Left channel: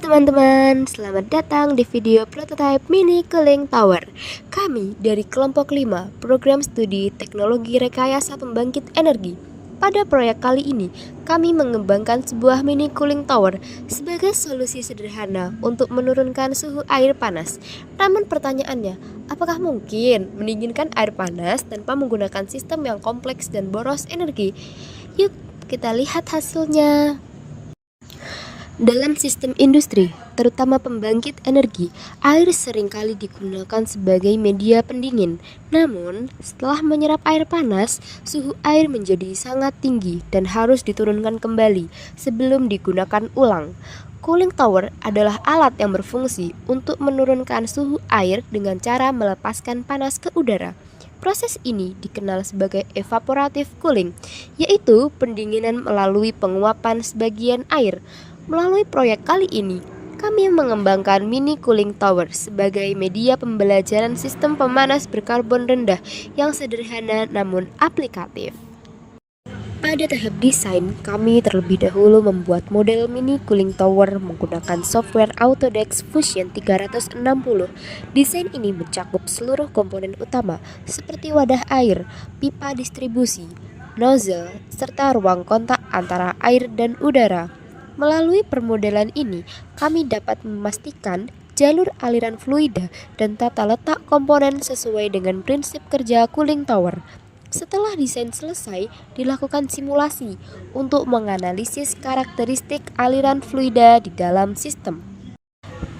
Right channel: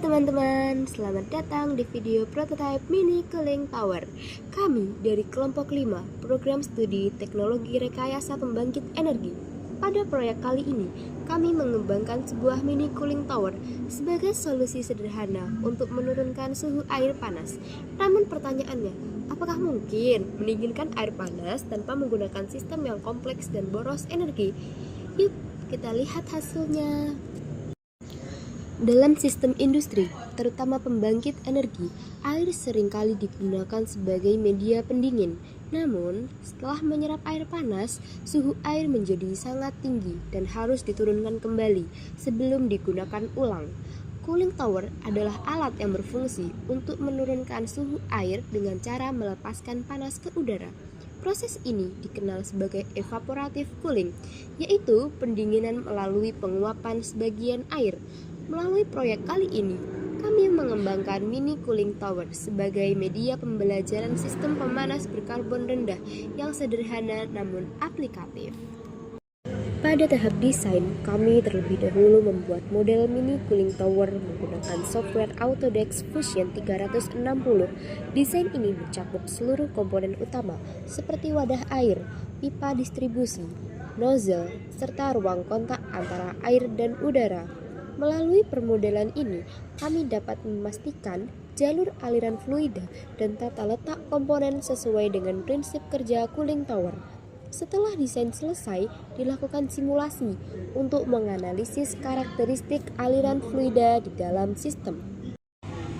teman-teman, selamat datang di video prototype mini cooling tower. Kami dari kelompok 5, program studi teknologi rekayasa pembangkit energi. Pada proyek kali ini, kami mengembangkan sebuah mini cooling tower sebagai solusi sederhana untuk menurunkan suhu air panas. Namun pertanyaannya, apakah mungkin mendinginkan air panas tanpa menggunakan sistem yang kompleks dan boros energi? Yuk, kita lihat hasilnya. Dalam sistem industri, terutama pembangkit energi, air seringkali digunakan sebagai media pendingin. Namun, setelah menyerap air panas, suhu air menjadi sangat tinggi dan harus diturunkan kembali sebelum digunakan ulang. Cooling tower adalah alat yang berfungsi untuk menurunkan suhu air dengan cara melepaskan panas ke udara. Proses ini dikenal sebagai evaporative cooling, yaitu pendinginan melalui penguapan sebagian air. Melalui proyek kali ini, kami mengembangkan mini cooling tower sebagai media pembelajaran sistem pemanas berkarbon rendah yang sederhana namun aplikatif. Pada tahap desain, kami terlebih dahulu membuat model mini cooling tower menggunakan software Autodesk Fusion 360. Desain ini mencakup seluruh komponen utama seperti wadah air, pipa distribusi, nozzle, serta ruang kontak antara air dan udara. Melalui permodelan ini, kami dapat memastikan jalur aliran fluida dan tata letak komponen sesuai dengan prinsip kerja cooling tower. Setelah desain selesai, dilakukan simulasi untuk menganalisis karakteristik aliran fluida di dalam sistem.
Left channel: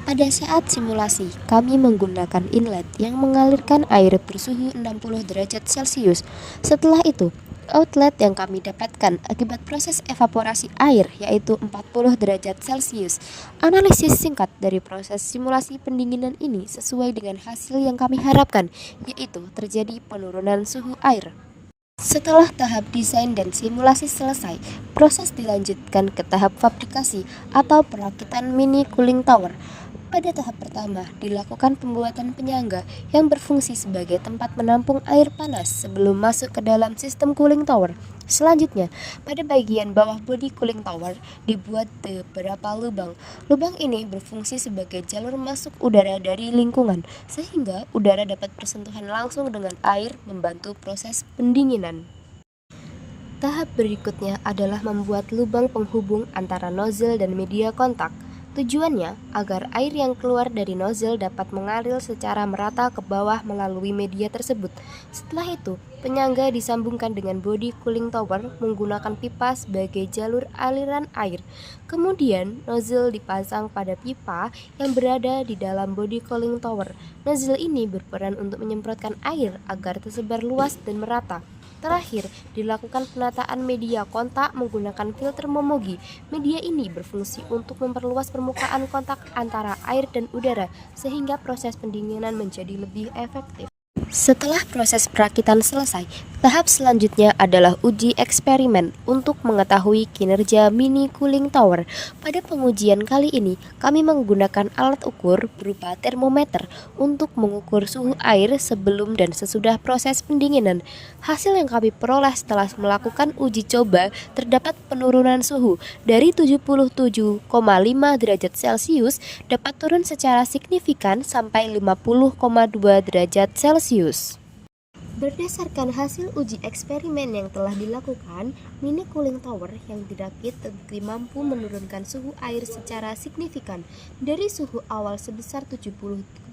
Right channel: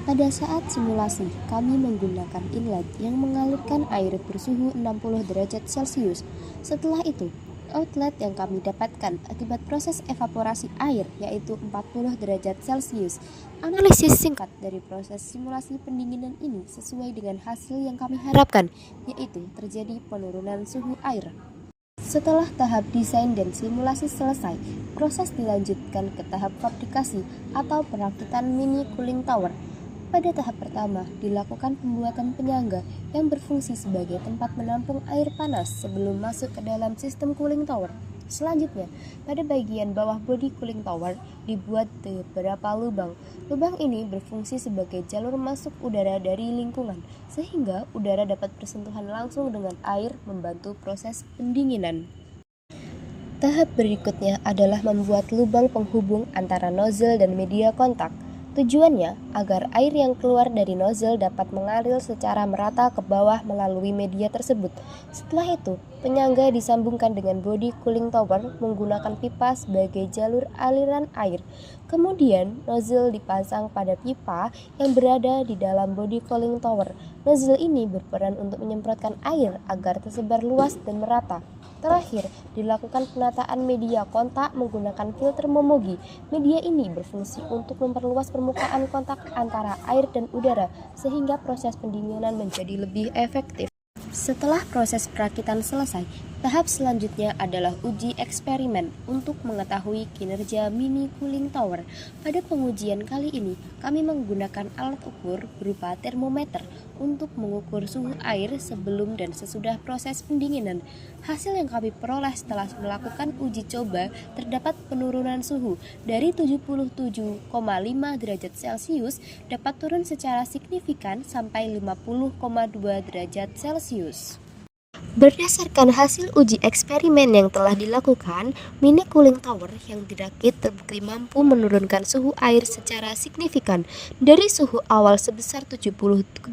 Pada saat simulasi, kami menggunakan inlet yang mengalirkan air bersuhu 60 derajat Celcius. Setelah itu, outlet yang kami dapatkan akibat proses evaporasi air yaitu 40 derajat Celcius. Analisis singkat dari proses simulasi pendinginan ini sesuai dengan hasil yang kami harapkan, yaitu terjadi penurunan suhu air. Setelah tahap desain dan simulasi selesai, proses dilanjutkan ke tahap fabrikasi atau perakitan mini cooling tower. Pada tahap pertama, dilakukan pembuatan penyangga yang berfungsi sebagai tempat menampung air panas sebelum masuk ke dalam sistem cooling tower. Selanjutnya, pada bagian bawah bodi cooling tower dibuat beberapa lubang. Lubang ini berfungsi sebagai jalur masuk udara dari lingkungan, sehingga udara dapat bersentuhan langsung dengan air membantu proses pendinginan. Tahap berikutnya adalah membuat lubang penghubung antara nozzle dan media kontak. Tujuannya agar air yang keluar dari nozzle dapat mengalir secara merata ke bawah melalui media tersebut. Setelah itu, penyangga disambungkan dengan bodi cooling tower menggunakan pipa sebagai jalur aliran air. Kemudian, nozzle dipasang pada pipa yang berada di dalam bodi cooling tower. Nozzle ini berperan untuk menyemprotkan air agar tersebar luas dan merata. Terakhir, dilakukan penataan media kontak menggunakan filter Momogi. Media ini berfungsi untuk memperluas permukaan kontak antara air dan udara, sehingga proses pendinginan menjadi lebih efektif. Setelah proses perakitan selesai, tahap selanjutnya adalah uji eksperimen untuk mengetahui kinerja mini cooling tower. Pada pengujian kali ini, kami menggunakan alat ukur berupa termometer untuk mengukur suhu air sebelum dan sesudah proses pendinginan. Hasil yang kami peroleh setelah melakukan uji coba terdapat penurunan suhu dari 77,5 derajat Celcius dapat turun secara signifikan sampai 50,2 derajat Celcius. Berdasarkan hasil uji eksperimen yang telah dilakukan, mini cooling tower yang dirakit terbukti mampu menurunkan suhu air secara signifikan dari suhu awal sebesar 77,5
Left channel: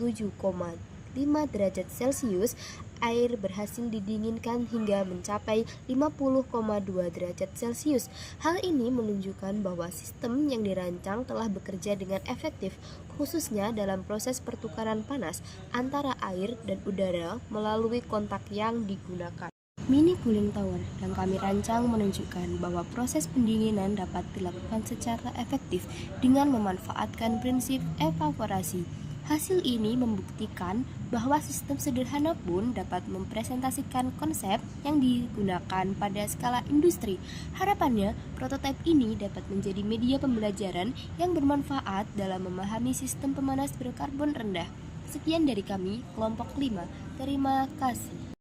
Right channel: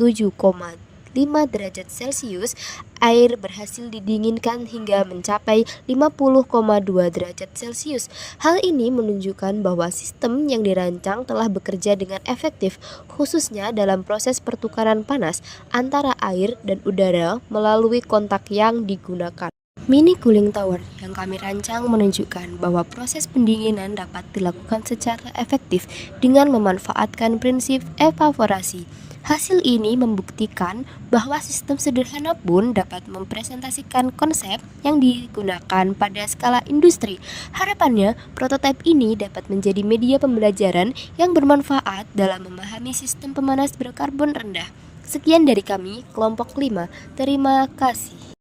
derajat Celcius. Air berhasil didinginkan hingga mencapai 50,2 derajat Celcius. Hal ini menunjukkan bahwa sistem yang dirancang telah bekerja dengan efektif, khususnya dalam proses pertukaran panas antara air dan udara melalui kontak yang digunakan. Mini cooling tower yang kami rancang menunjukkan bahwa proses pendinginan dapat dilakukan secara efektif dengan memanfaatkan prinsip evaporasi. Hasil ini membuktikan bahwa sistem sederhana pun dapat mempresentasikan konsep yang digunakan pada skala industri. Harapannya, prototipe ini dapat menjadi media pembelajaran yang bermanfaat dalam memahami sistem pemanas berkarbon rendah. Sekian dari kami, kelompok 5. Terima kasih.